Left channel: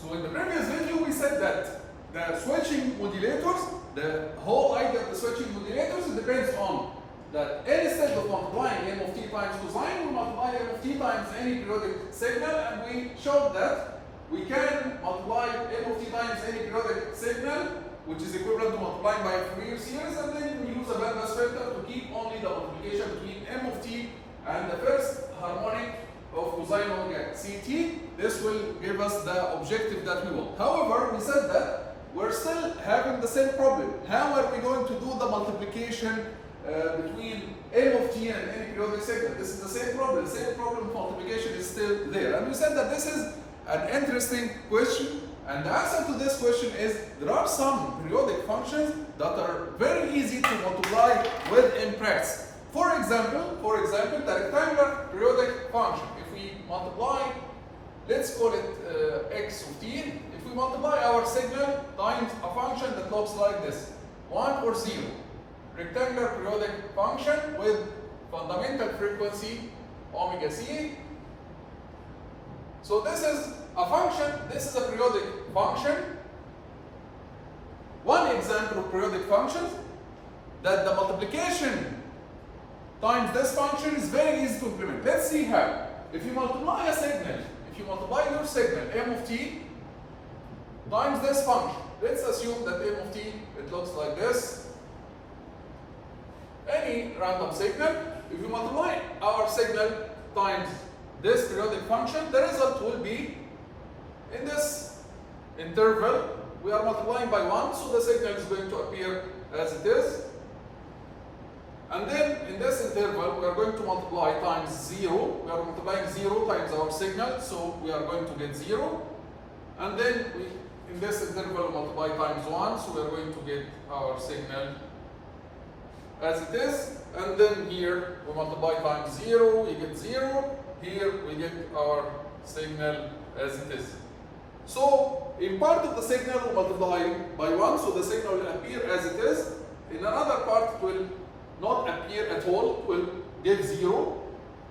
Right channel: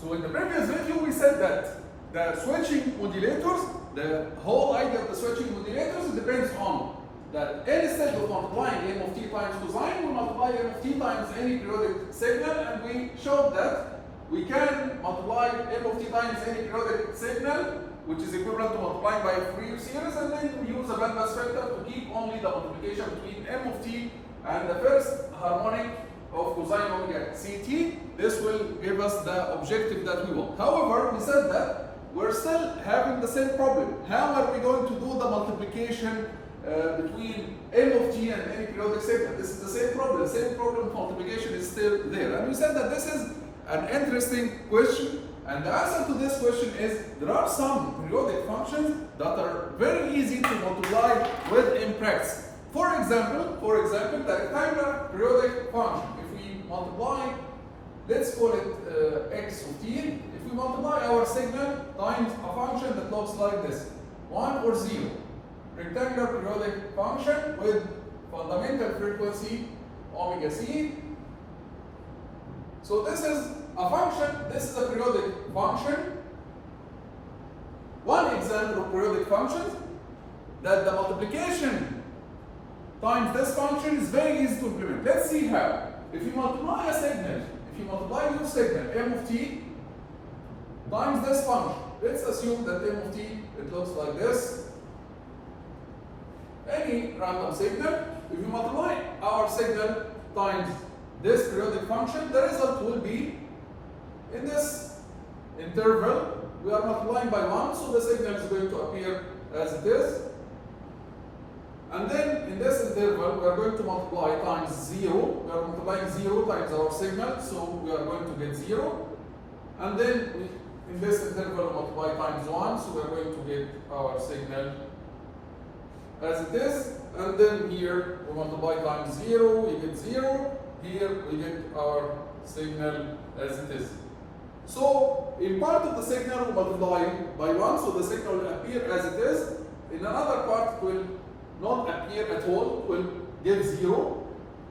So in the previous video we said that the switching modulators, the whole idea of the switching modulators depends on that instead of multiplying m of t times cosine, we multiply m of t times any periodic signal, and we showed that we can multiply m of t times any periodic signal, which is equivalent to multiplying by a Fourier series, and then we use a bandpass filter to keep only the multiplication between m of t and the first harmonic of cosine omega ct. This will give us the objective that we want. However, we said that we're still having the same problem. How are we going to do the multiplication between m of t and any periodic signal? This is the same problem. The same problem of multiplication is still there. And we said that this is an interesting question. And the answer to this question is there are some periodic functions that are very easy to multiply with in practice. For example, the rectangular periodic function. If we multiply, let's call it x of t. If we multiply our signal times a function that looks like this, 1 or 0. Rectangular periodic function with fundamental frequency omega c. So this is a function, this is a periodic function. One example of periodic functions that the multiplication times this function is very easy to implement. Let's see how. If you multiply a signal, if you multiply your signal m of t times this function, let's assume that m of t, it looks like this. Any random signal, if you multiply our signal times this periodic function, the result will be in this interval. We are multiplying by 1, so the signal is going to appear as it is. And then in this interval, we are going to multiply times 0. We are multiplying 0 times our signal, so we are going to get 0. And then in this interval, we multiply times 1, so we are going to get our signal as it is. And then here, we multiply times 0, we get 0. Here, we get our signal as it is. So, in part of the signal, we multiply by 1, so the signal will appear as it is. In another part, it will not appear at all, it will give 0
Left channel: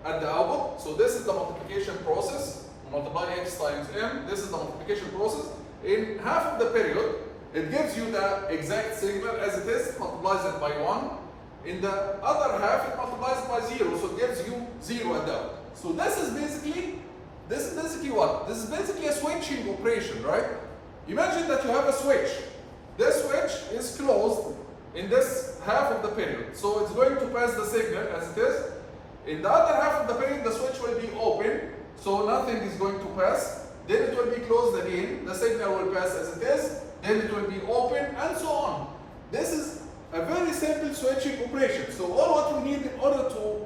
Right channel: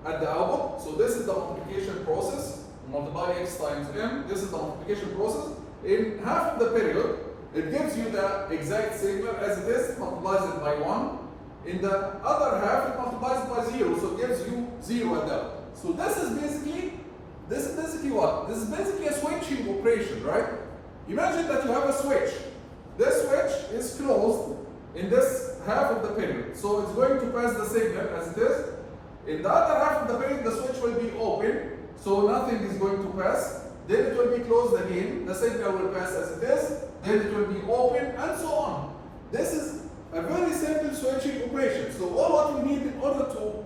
at the output. So this is the multiplication process. Multiply x times m. This is the multiplication process. In half of the period, it gives you the exact signal as it is, multiplies it by 1. In the other half, it multiplies it by 0, so it gives you 0 at the output. So this is basically what? This is basically a switching operation, right? Imagine that you have a switch. This switch is closed in this half of the period. So it's going to pass the signal as it is. In the other half of the period, the switch will be open, so nothing is going to pass. Then it will be closed again. The signal will pass as it is. Then it will be open, and so on. This is a very simple switching operation. So all what we need in order to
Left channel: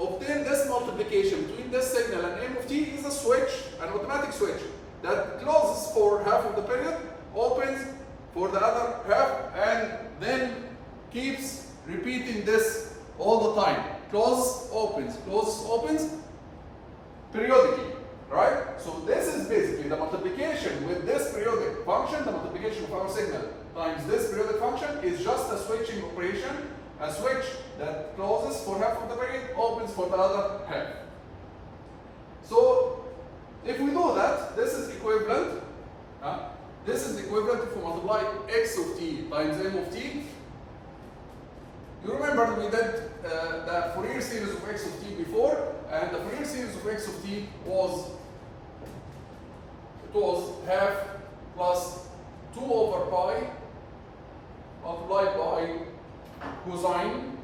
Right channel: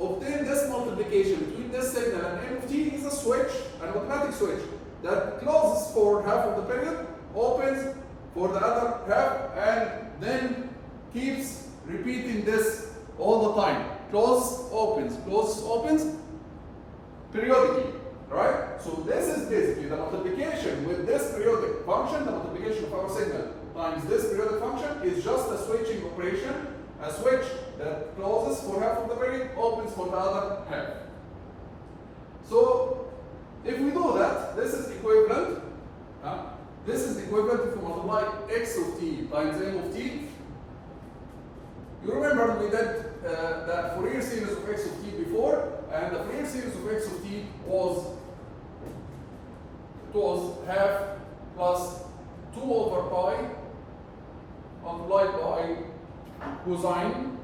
obtain this multiplication between this signal and m of t is a switch, an automatic switch that closes for half of the period, opens for the other half, and then keeps repeating this all the time. Closes, opens periodically, right? So this is basically the multiplication with this periodic function, the multiplication of our signal times this periodic function is just a switching operation, a switch that closes for half of the period, opens for the other half. So if we do that, this is equivalent. This is equivalent if we multiply x of t times m of t. You remember we did the Fourier series of x of t before, and the Fourier series of x of t was half plus 2 over pi multiplied by cosine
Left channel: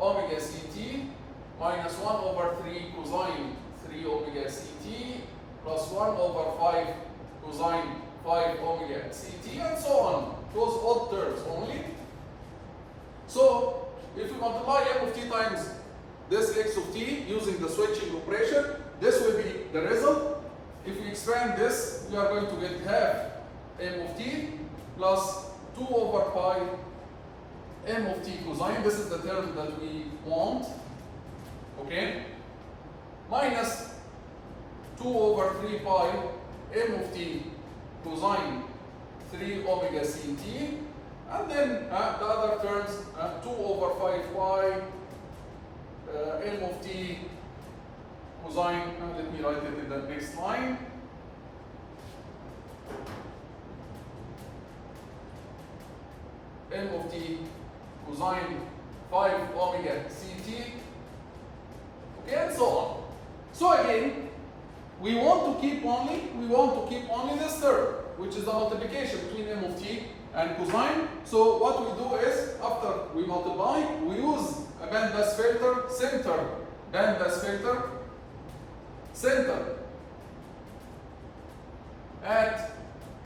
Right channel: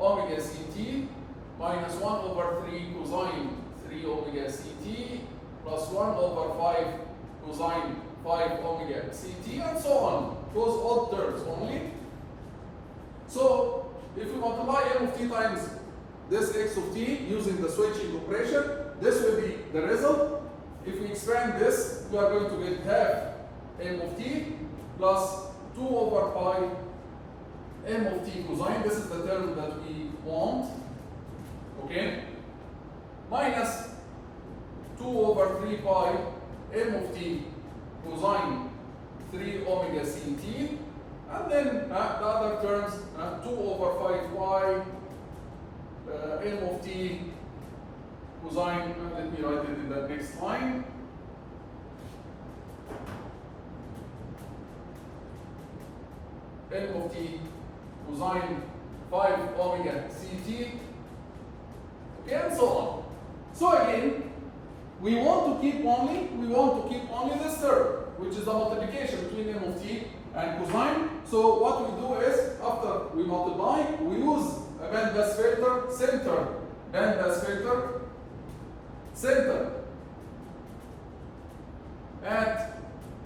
omega ct minus 1 over 3 cosine 3 omega ct plus 1 over 5 cosine 5 omega ct, and so on. Those odd terms only. So if we multiply m of t times this x of t using the switching operation, this will be the result. If we expand this, we are going to get half m of t plus 2 over pi m of t cosine. This is the term that we want. Okay? Minus 2 over 3 pi m of t cosine 3 omega ct, and then the other terms 2 over 5 pi m of t cosine, let me write it in the next line. M of t cosine 5 omega ct, okay, and so on. So again, we want to keep only this term, which is the multiplication between m of t and cosine. So what we do is, after we multiply, we use a bandpass filter, center bandpass filter, center at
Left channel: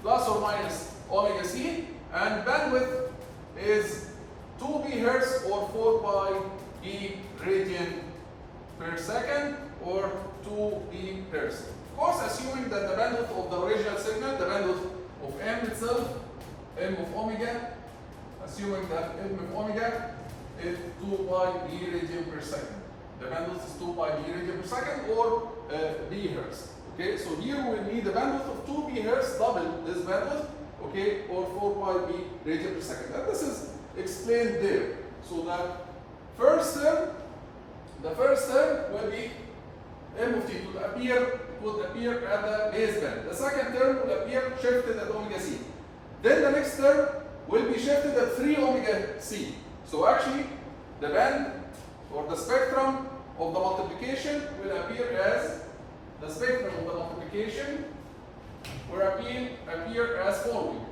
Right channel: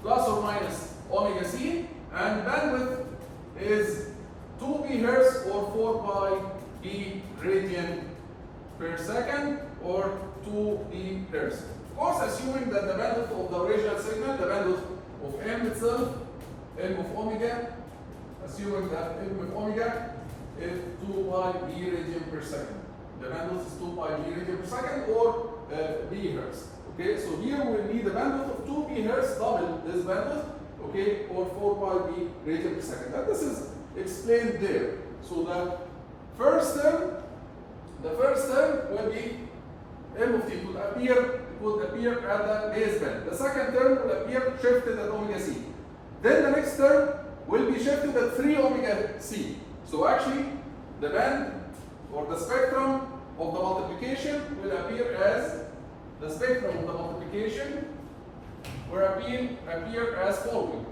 plus or minus omega c, and bandwidth is 2 bHz or 4 pi b radian per second or 2 bHz. Of course, assuming that the bandwidth of the original signal, the bandwidth of m itself, m of omega, assuming that m of omega is 2 pi b radian per second. The bandwidth is 2 pi b radian per second or bHz. Okay, so here we need the bandwidth of 2 bHz, double this bandwidth, okay, or 4 pi b radian per second. And this is explained there. So the first term will be m of t. It would appear at the baseband. The second term will appear shifted at omega c. Then the next term will be shifted at 3 omega c. So actually, the band or the spectrum of the multiplication will appear as following.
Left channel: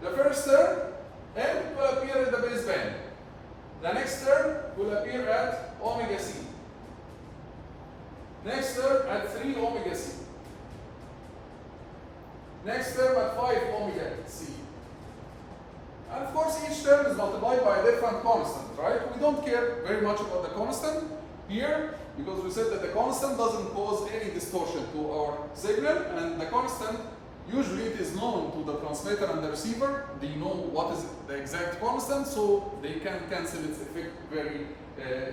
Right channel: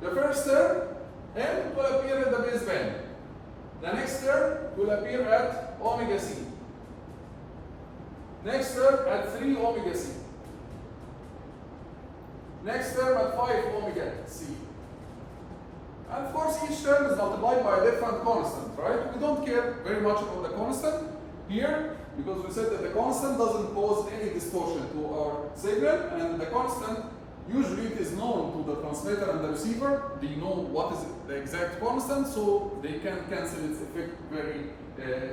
The first term, m will appear in the baseband. The next term will appear at omega c. Next term at 3 omega c. Next term at 5 omega c. And of course, each term is multiplied by a different constant, right? We don't care very much about the constant here because we said that the constant doesn't cause any distortion to our signal, and the constant usually it is known to the transmitter and the receiver. They know what is the exact constant, so they can cancel its effect very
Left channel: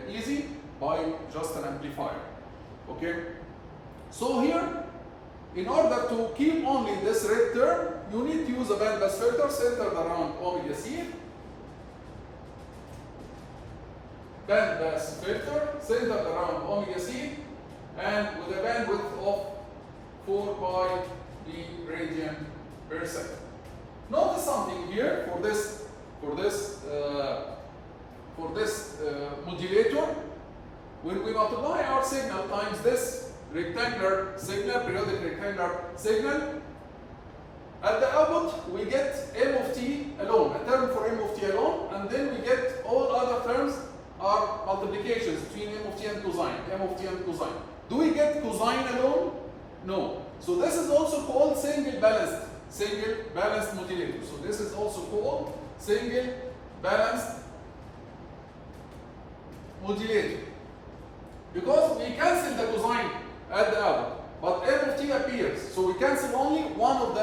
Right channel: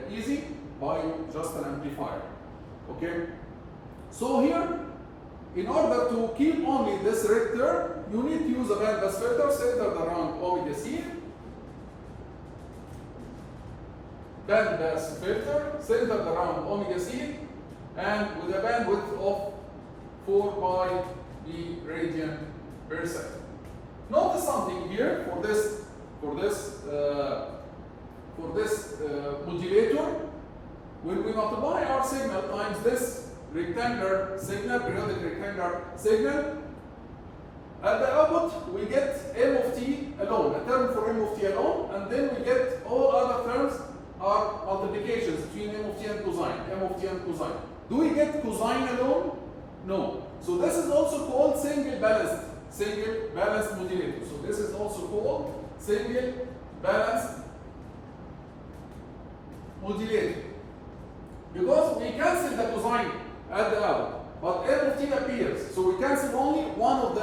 easy by just an amplifier. Okay? So here, in order to keep only this red term, you need to use a bandpass filter centered around omega c. Bandpass filter centered around omega c, and with a bandwidth of 4 pi b radian per second. Notice something here for this modulator. When we multiply our signal times this rectangular signal, periodic rectangular signal, at the output we get m of t alone, a term for m of t alone, and then we get all other terms are multiplications between m of t and cosine, Do we get cosine alone? No. So this is also called single balanced modulator. So this is also called single balanced modulator. Because we cancel the cosine at the output, but m of t appears. So we cancel only one of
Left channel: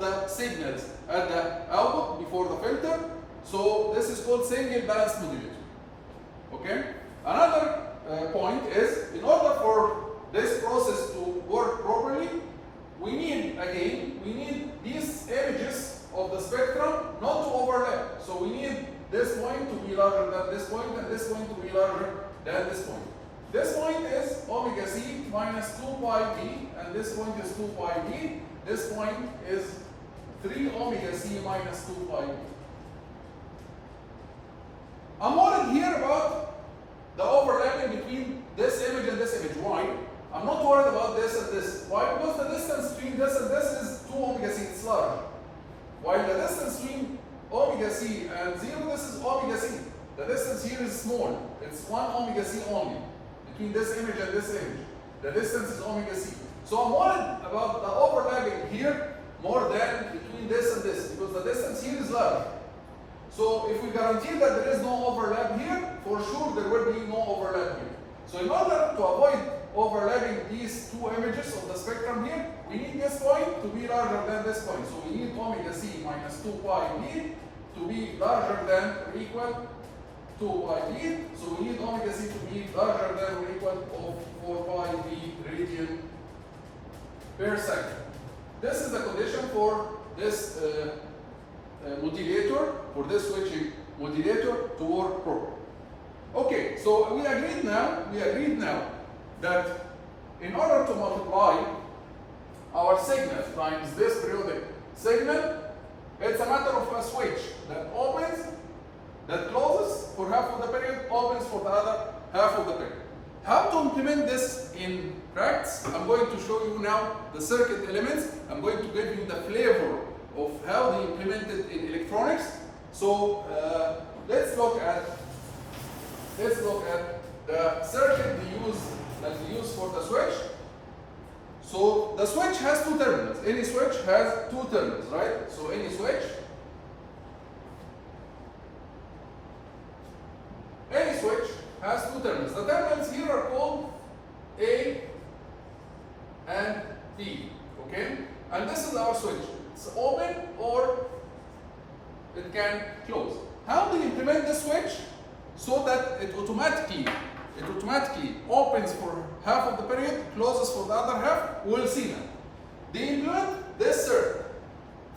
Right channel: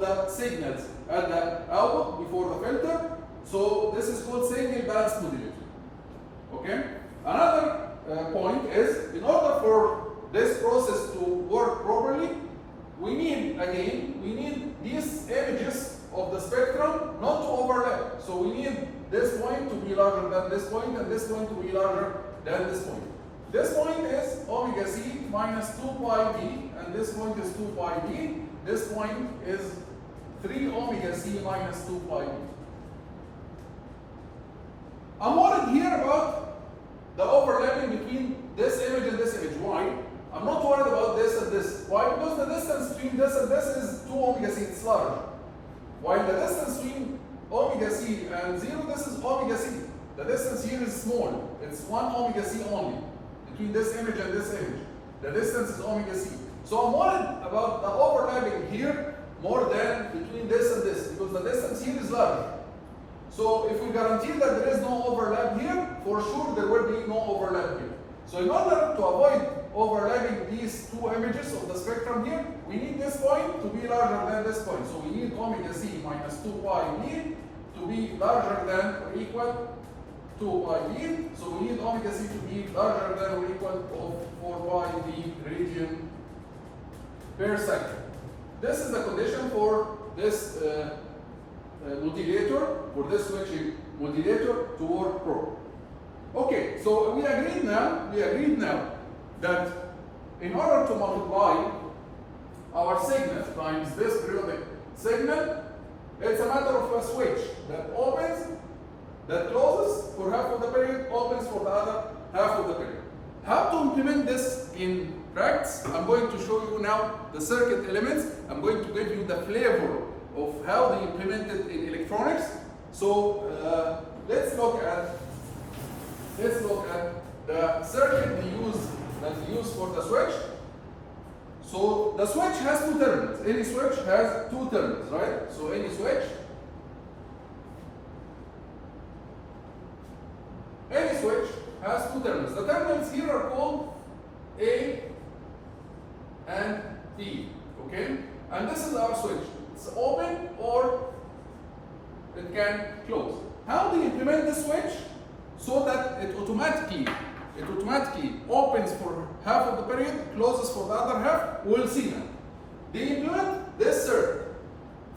the signals at the output before the filter. So this is called single balanced modulator. Okay? Another point is, in order for this process to work properly, we need these images of the spectrum not to overlap. So we need this point to be larger than this point, and this point to be larger than this point. This point is omega c minus 2 pi d, and this point is 2 pi d. This point is 3 omega c minus 2 pi d. I'm worried here about the overlapping between this image and this image. Why? I'm not worried about this and this. Why? Because the distance between this and this is 2 omega c, it's large. While the distance between omega c and 0, this is omega c. The distance here is small. It's 1 omega c only. Between this image and this image, the distance is omega c. So I'm worried about the overlapping here more than between this and this, because the distance here is large. So if we guarantee that there is no overlap here, for sure there will be no overlap here. So in order to avoid overlapping these two images of the spectrum here, we need this point to be larger than this point. So we need omega c minus 2 pi d to be larger than or equal to 2 pi d. So we need omega c to be larger than or equal to 4 pi d radian per second. This is the condition for this modulator, for this switching modulator to work properly. Okay, so we agreed now that in order to multiply our signal times this periodic signal, it's a matter of a switch that opens, that closes for half of the period, opens for the other half of the period. How to implement this in practice? I'm going to show you now the circuit elements. I'm going to give you the flavor of how they implemented in electronics. So let's look at the circuit that we use for the switch. So the switch has two terminals. Any switch has two terminals, right? So any switch has two terminals. The terminals here are called A and B, okay? And this is our switch. It's open or it can close. How do you implement this switch? So that it automatically opens for half of the period, closes for the other half. We'll see that. They implement this circuit.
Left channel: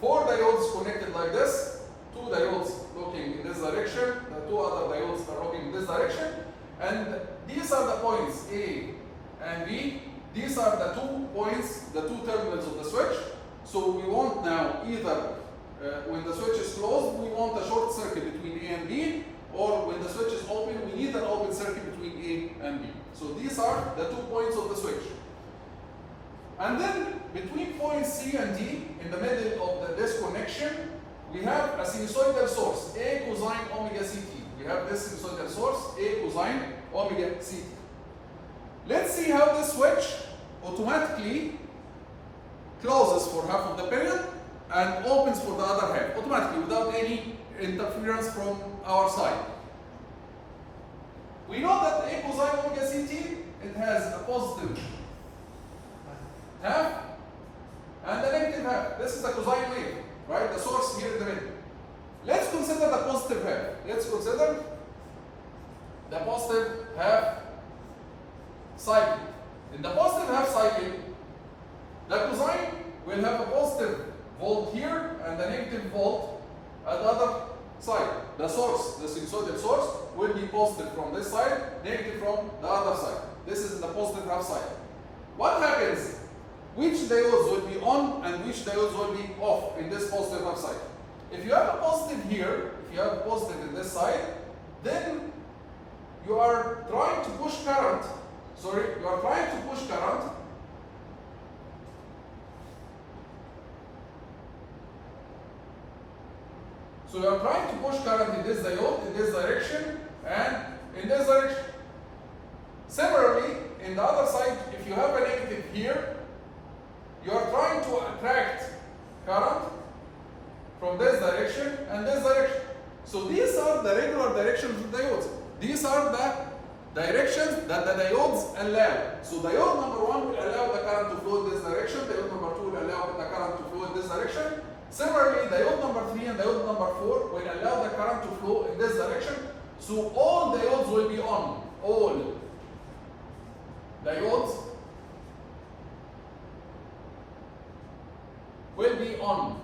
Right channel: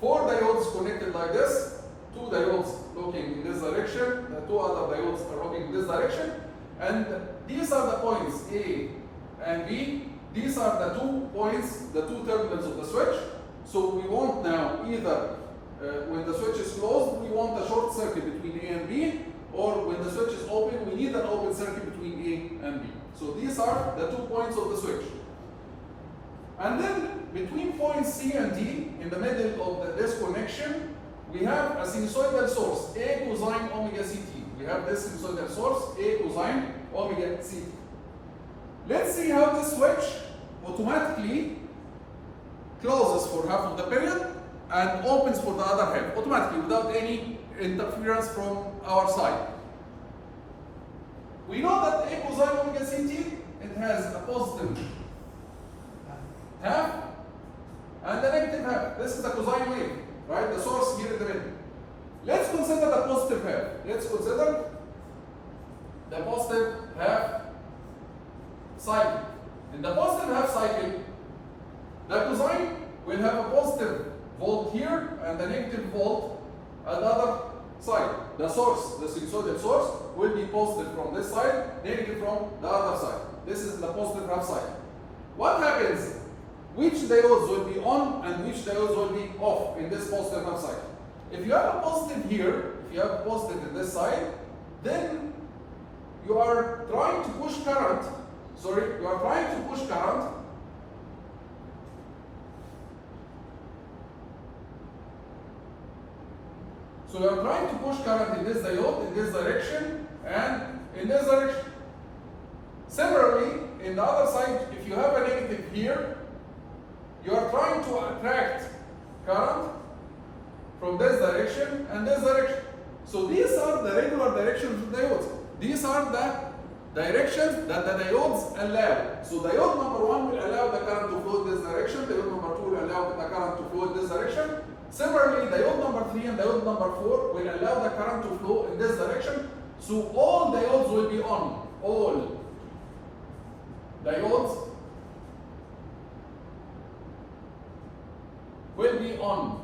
4 diodes connected like this, 2 diodes looking in this direction, the 2 other diodes are looking in this direction, and these are the points A and B. These are the 2 points, the 2 terminals of the switch. So we want now either when the switch is closed, we want a short circuit between A and B, or when the switch is open, we need an open circuit between A and B. So these are the 2 points of the switch. And then between points C and D, in the middle of this connection, we have a sinusoidal source, A cosine omega CT. We have this sinusoidal source, A cosine omega CT. Let's see how this switch automatically closes for half of the period and opens for the other half, automatically, without any interference from our side. We know that A cosine omega CT, it has a positive half and a negative half. This is the cosine wave, right? The source here in the middle. Let's consider the positive half. Let's consider the positive half cycle. In the positive half cycle, the cosine will have a positive volt here and a negative volt at the other side. The source, the sinusoidal source, will be positive from this side, negative from the other side. This is the positive half cycle. What happens? Which diodes will be on and which diodes will be off in this positive half cycle? If you have a positive here, if you have a positive in this side, then you are trying to push current. So you are trying to push current in this diode, in this direction, and in this direction. Similarly, in the other side, if you have a negative here, you are trying to attract current from this direction and this direction. So these are the regular directions of the diodes. These are the directions that the diodes allow. So diode number 1 will allow the current to flow in this direction. Diode number 2 will allow the current to flow in this direction. Similarly, diode number 3 and diode number 4 will allow the current to flow in this direction. So all diodes will be on. All diodes will be on.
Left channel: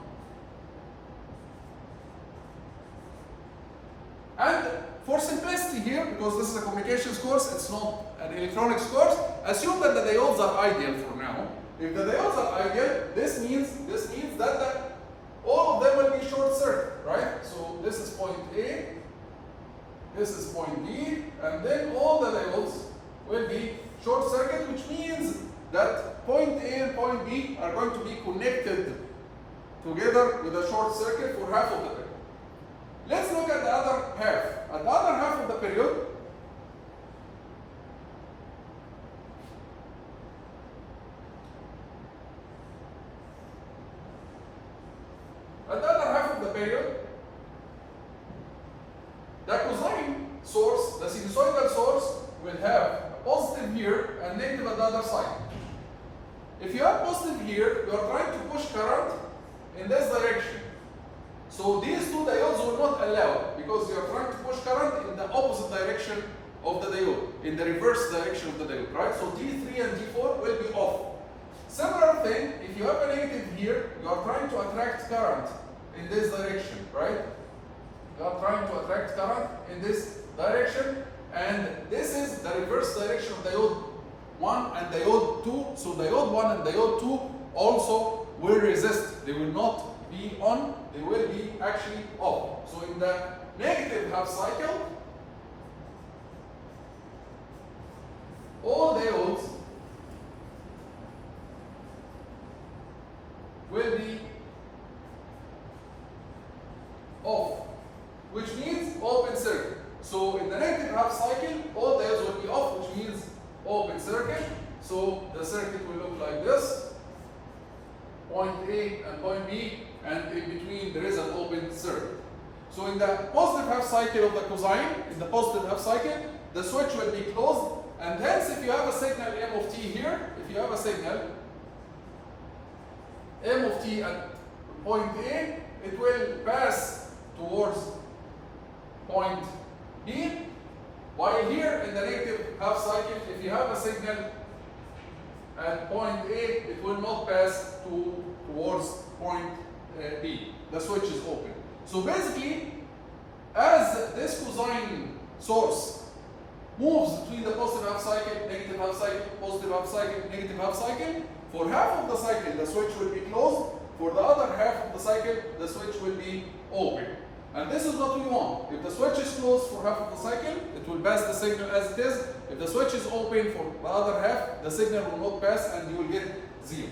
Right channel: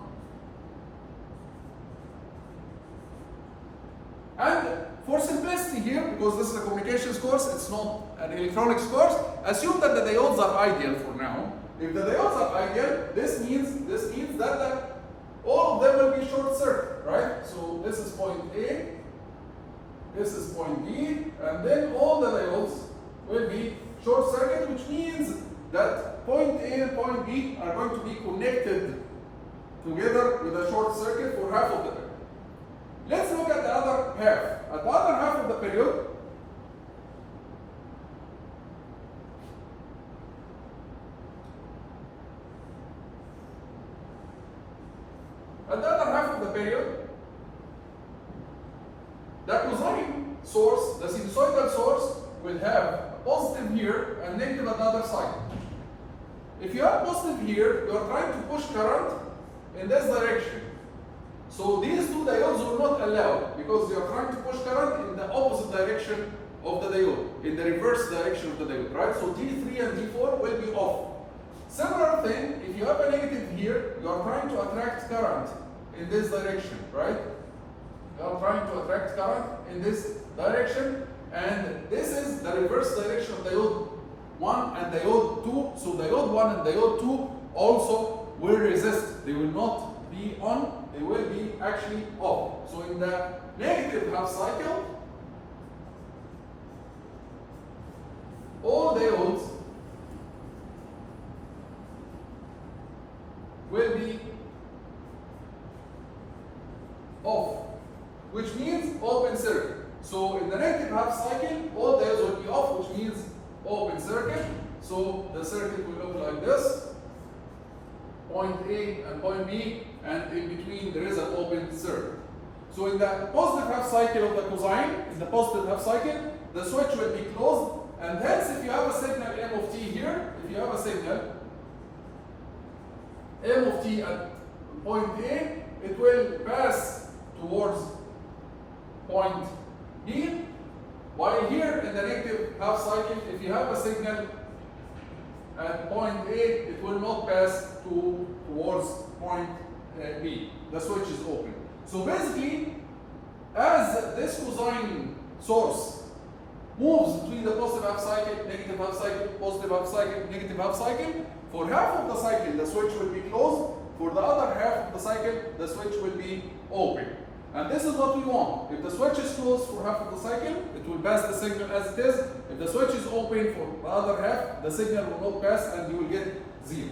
And for simplicity here, because this is a communications course, it's not an electronics course, assume that the diodes are ideal for now. If the diodes are ideal, this means that all of them will be short circuit, right? So this is point A, this is point B, and then all the diodes will be short circuit, which means that point A and point B are going to be connected together with a short circuit for half of the period. Let's look at the other half. At the other half of the period, the cosine source, the sinusoidal source, will have a positive here and negative at the other side. If you have positive here, you are trying to push current in this direction. So these two diodes will not allow, because you are trying to push current in the opposite direction of the diode, in the reverse direction of the diode, right? So D3 and D4 will be off. Similar thing, if you have a negative here, you are trying to attract current in this direction, right? We are trying to attract current in this direction, and this is the reverse direction of diode 1 and diode 2. So diode 1 and diode 2 also will resist. They will not be on, they will be actually off. So in the negative half cycle, all diodes will be off, which means open circuit. So in the negative half cycle, all diodes will be off, which means open circuit. So the circuit will look like this: point A and point B, and in between there is an open circuit. So in the positive half cycle of the cosine, in the positive half cycle, the switch will be closed, and hence if you have a signal M of t here, if you have a signal M of t at point A, it will pass towards point B, while here in the negative half cycle, if you have a signal at point A, it will not pass towards point B. The switch is open. So basically, as this cosine source moves between the positive half cycle, negative half cycle, positive half cycle, negative half cycle, for half of the cycle the switch will be closed, for the other half of the cycle the switch will be open. And this is what we want. If the switch is closed for half of the cycle, it will pass the signal as it is. If the switch is open for the other half, the signal will not pass and you will get 0.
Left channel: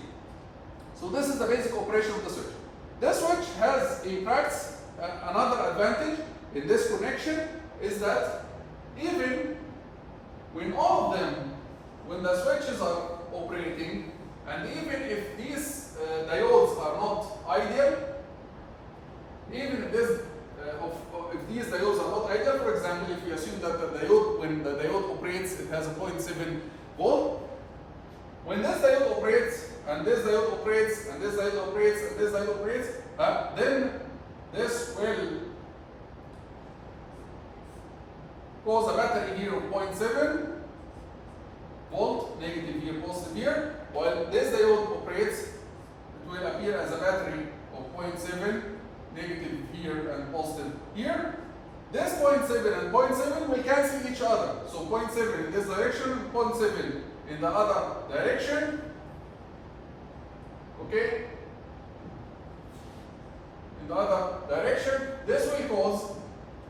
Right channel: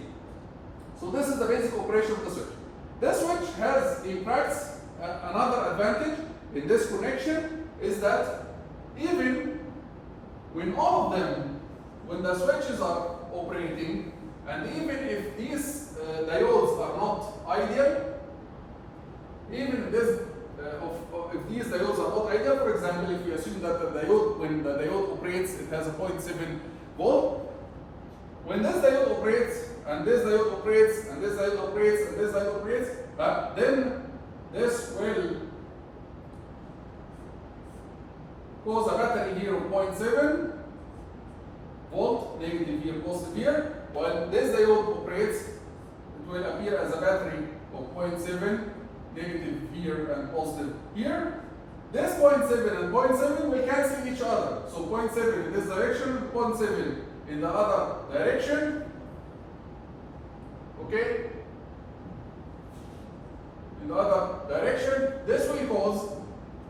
So this is the basic operation of the switch. This switch has in practice another advantage in this connection is that even when all of them, when the switches are operating, and even if these diodes are not ideal, even if if these diodes are not ideal, for example, if you assume that the diode, when the diode operates, it has a 0.7 volt. When this diode operates, and this diode operates, and this diode operates, and this diode operates, then this will cause a battery here of 0.7 volt, negative here, positive here. While this diode operates, it will appear as a battery of 0.7, negative here and positive here. This 0.7 and 0.7 will cancel each other. So 0.7 in this direction, 0.7 in the other direction. Okay? In the other direction, this will cause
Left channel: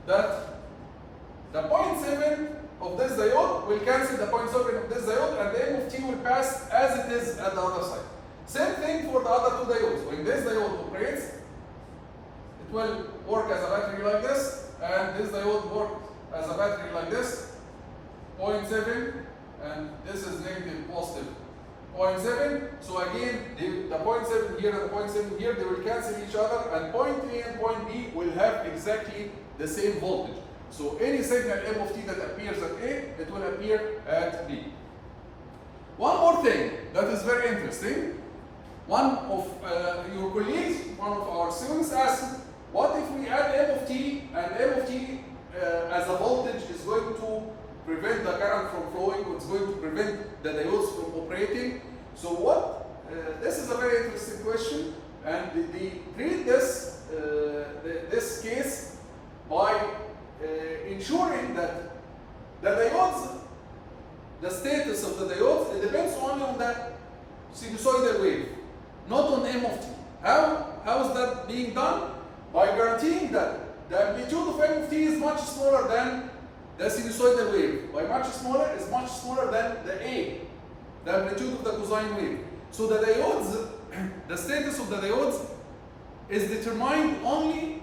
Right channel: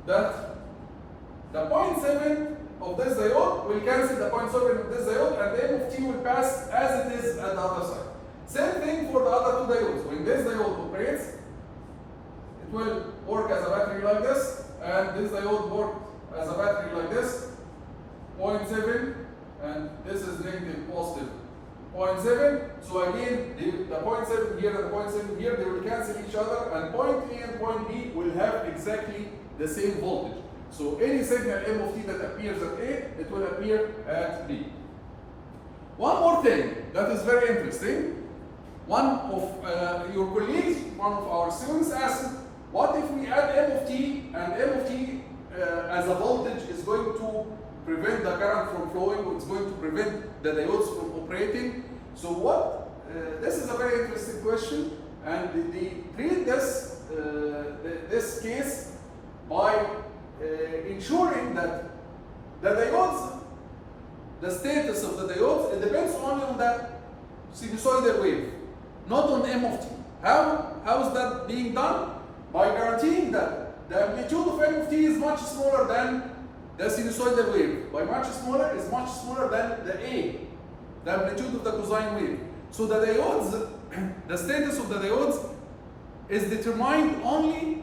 that the 0.7 of this diode will cancel the 0.7 of this diode, and the M of t will pass as it is at the other side. Same thing for the other two diodes. When this diode operates, it will work as a battery like this, and this diode works as a battery like this, 0.7, and this is negative, positive, 0.7. So again, the 0.7 here and the 0.7 here, they will cancel each other, and point A and point B will have exactly the same voltage. So any signal M of t that appears at A, it will appear at B. One more thing that is very interesting. One of your colleagues, one of our students asked, what if we add M of t, and M of t as a voltage is going to prevent the current from flowing, or it's going to prevent the diodes from operating? So what, this is a very interesting question, and they treat this, this case by ensuring that the diodes, the status of the diodes, it depends only on the sinusoidal wave, not on M of t. How is that being done? By guaranteeing that the amplitude of M of t is much smaller than the sinusoidal wave. By much smaller is much smaller than the A, the amplitude of the cosine wave. So the diodes, the status of the diodes is determined only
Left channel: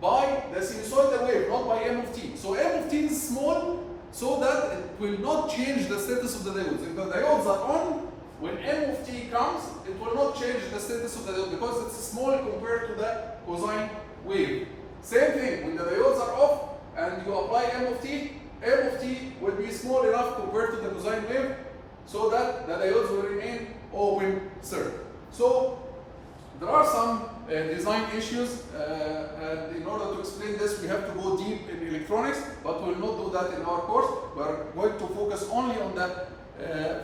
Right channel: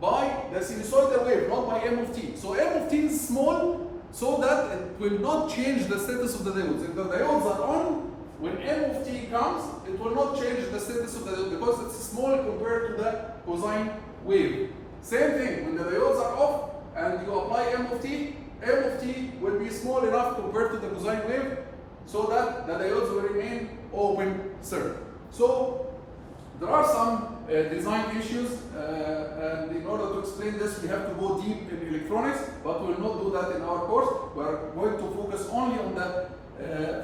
by the sinusoidal wave, not by M of t. So M of t is small so that it will not change the status of the diodes. If the diodes are on, when M of t comes, it will not change the status of the diode because it's small compared to the cosine wave. Same thing, when the diodes are off and you apply M of t will be small enough compared to the cosine wave so that the diodes will remain open circuit. So there are some design issues, and in order to explain this, we have to go deep in electronics, but we will not do that in our course. We are going to focus only on the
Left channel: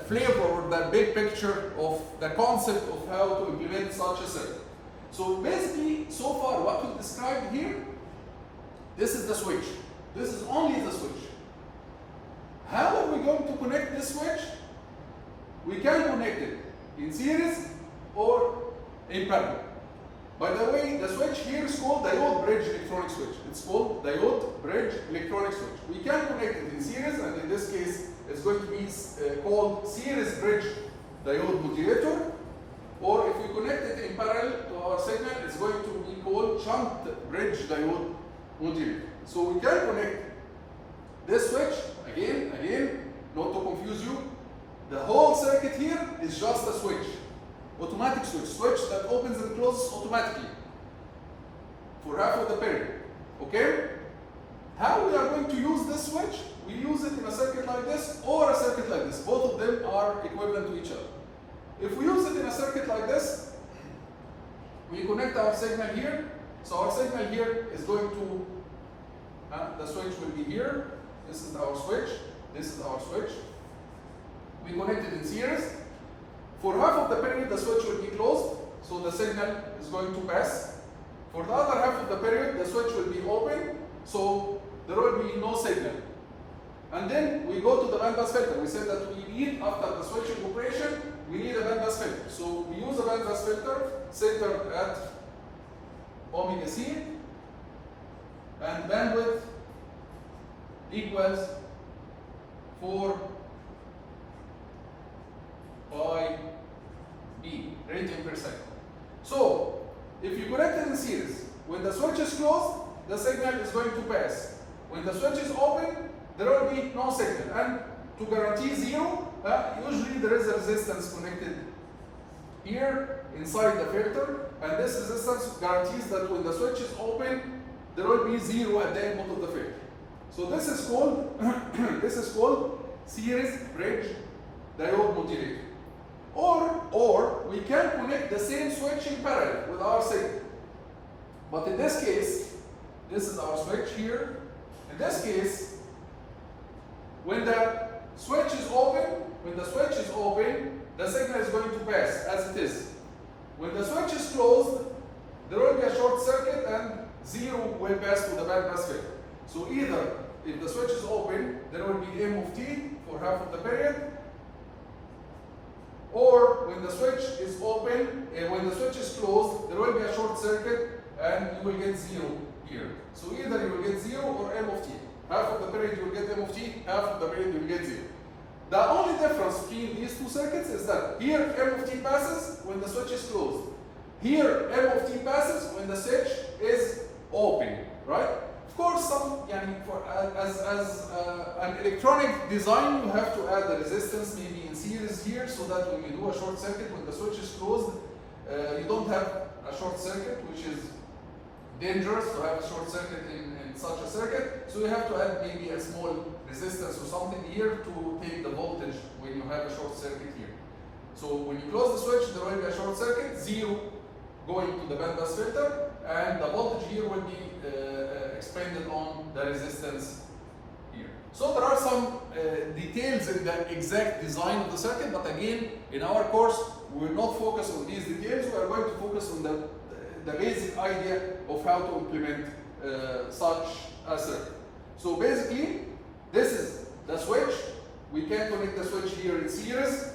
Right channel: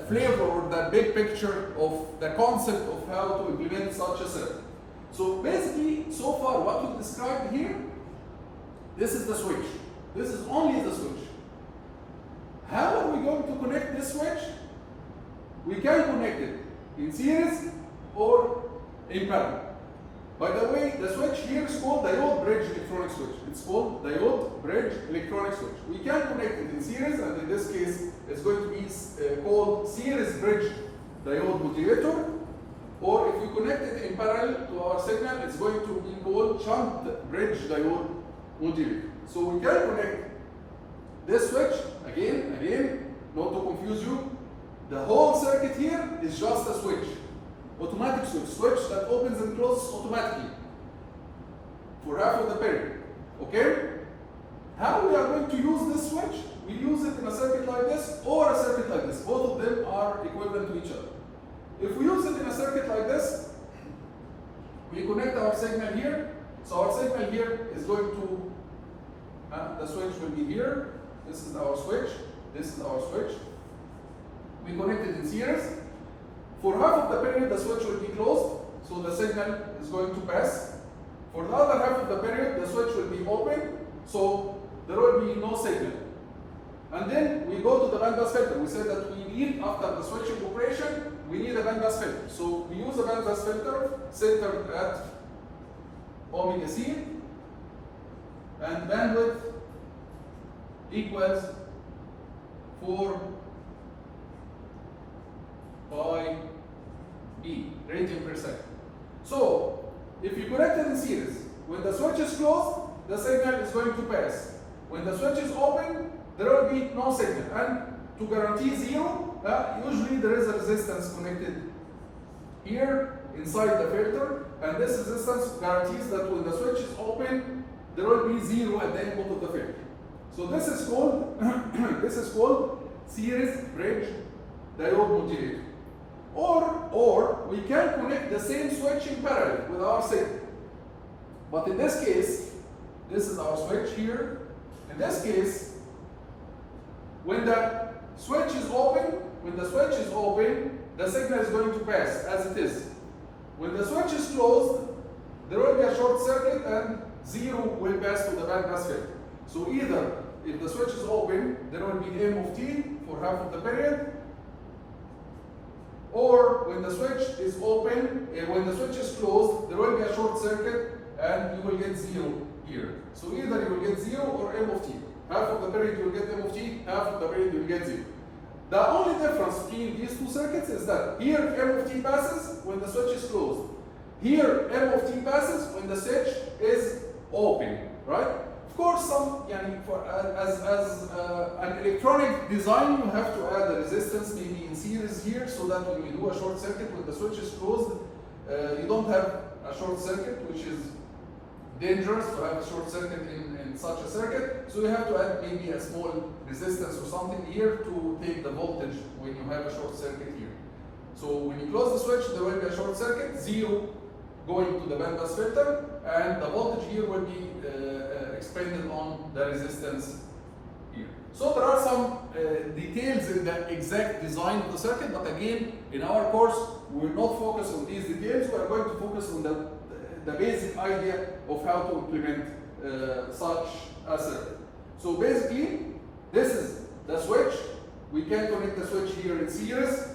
flavor or the big picture of the concept of how to implement such a circuit. So basically, so far what we described here, this is the switch. This is only the switch. How are we going to connect this switch? We can connect it in series or in parallel. By the way, the switch here is called diode bridge electronic switch. It's called diode bridge electronic switch. We can connect it in series, and in this case, it's going to be called series bridge diode modulator. Or if we connect it in parallel to our signal, it's going to be called shunt bridge diode modulator. So we can connect this switch, again, not to confuse you. The whole circuit here is just a switch. Automatic switch that opens and closes automatically for half of the period. Okay? How we are going to use this switch? We use it in a circuit like this or a circuit like this. Both of them are equivalent to each other. If we use it in a circuit like this, we connect our signal here. So our signal here is going to, the switch will be here. This is our switch. This is our switch. We connect it in series. For half of the period, the switch will be closed, so the signal is going to pass. For the other half of the period, the switch will be open, so there will be no signal. And then we go to the bandpass filter. We said that we need, after the switching operation, we need a bandpass filter. So we use a bandpass filter centered at omega c, and bandwidth equals 4 pi b, radian per second. So if you connect it in series, when the switch is closed, the signal is going to pass. When the switch is open, there will be no signal. And to guarantee zero, usually there is a resistance connected here inside the filter, and this resistance guarantees that when the switch is open, there will be zero at the input of the filter. So this is called this is called series bridge diode modulator. Or we can connect the same switch in parallel with our signal. But in this case, this is our switch here. In this case, when the switch is open, the signal is going to pass as it is. When the switch is closed, there will be a short circuit and zero will pass to the bandpass filter. So either if the switch is open, there will be M of t for half of the period, or when the switch is open, when the switch is closed, there will be a short circuit and you will get zero here. So either you will get zero or M of t. Half of the period you will get M of t, half of the period you will get zero. The only difference between these two circuits is that here M of t passes when the switch is closed. Here M of t passes when the switch is open, right? Of course, as an electronic design, you have to add a resistance maybe in series here, so that when you do a short circuit, when the switch is closed, you don't have a short circuit, which is dangerous to have a short circuit in such a circuit. So you have to add maybe a small resistance or something here to take the voltage when you have a short circuit here. So when you close the switch, there will be a short circuit, zero going to the bandpass filter, and the voltage here will be expended on the resistance here. So there are some details in the exact design of the circuit, but again, in our course, we will not focus on these details. We are going to focus on the basic idea of how to implement such a circuit. So basically, this is the switch. We can connect the switch here in series,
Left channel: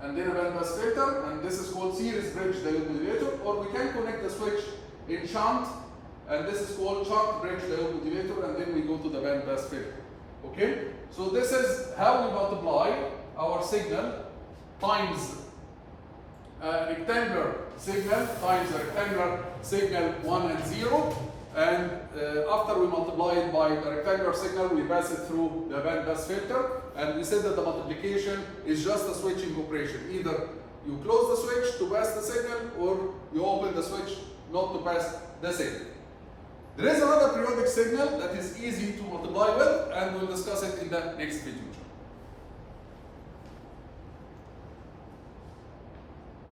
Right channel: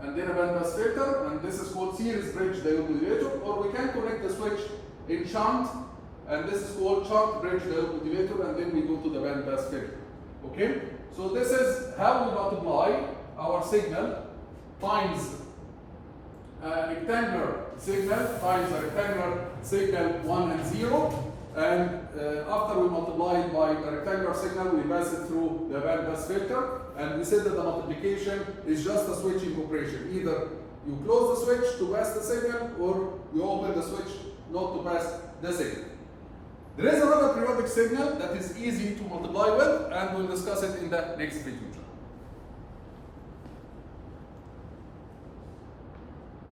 and then a bandpass filter, and this is called series bridge diode modulator, or we can connect the switch in shunt, and this is called shunt bridge diode modulator, and then we go to the bandpass filter. Okay? So this is how we multiply our signal times a rectangular signal times a rectangular signal 1 and 0, and after we multiply it by a rectangular signal, we pass it through the bandpass filter, and we said that the multiplication is just a switching operation. Either you close the switch to pass the signal, or you open the switch not to pass the signal. There is another periodic signal that is easy to multiply with, and we'll discuss it in the next video.